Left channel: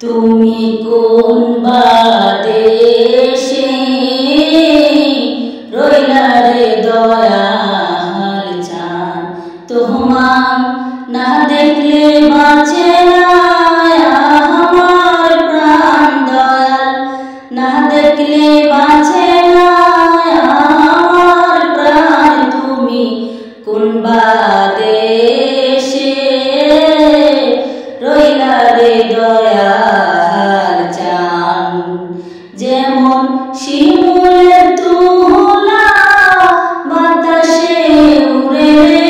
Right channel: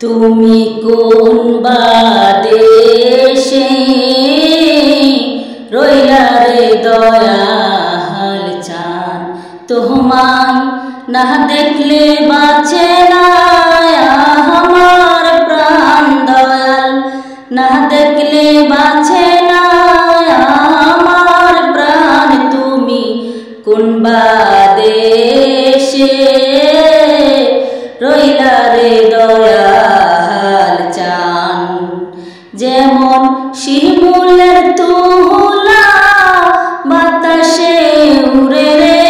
তুমি কোন বাদেশে রইলা রে দয়াল চাঁদ, তোমায় না দেখলে বাঁচে না আমার প্রাণ দয়াল, না দেখলে বাঁচে না আমার প্রাণ। তুমি কোন বাদেশে রইলা রে দয়াল চাঁদ, যেমন শিমুলের তুলা বাতাসে উড়ে রে,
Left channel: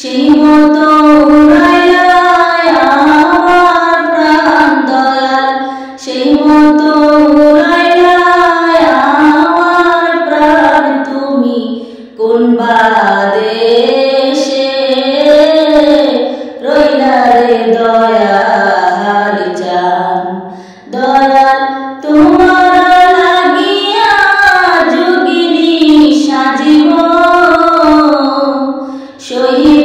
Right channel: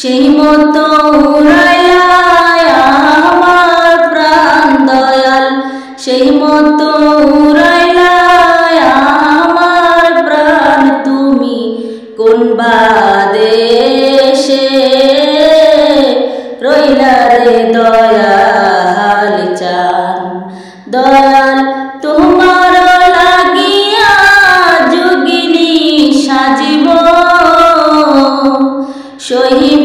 সেই মতো উড়াইলা আমার প্রাণ দয়াল, সেই মতো উড়াইলা আমার প্রাণ। তুমি কোন বাদেশে রইলা রে দয়াল চাঁদ, দয়াল তোমার লাগিয়া যোগিনী সাজিব, শহীদ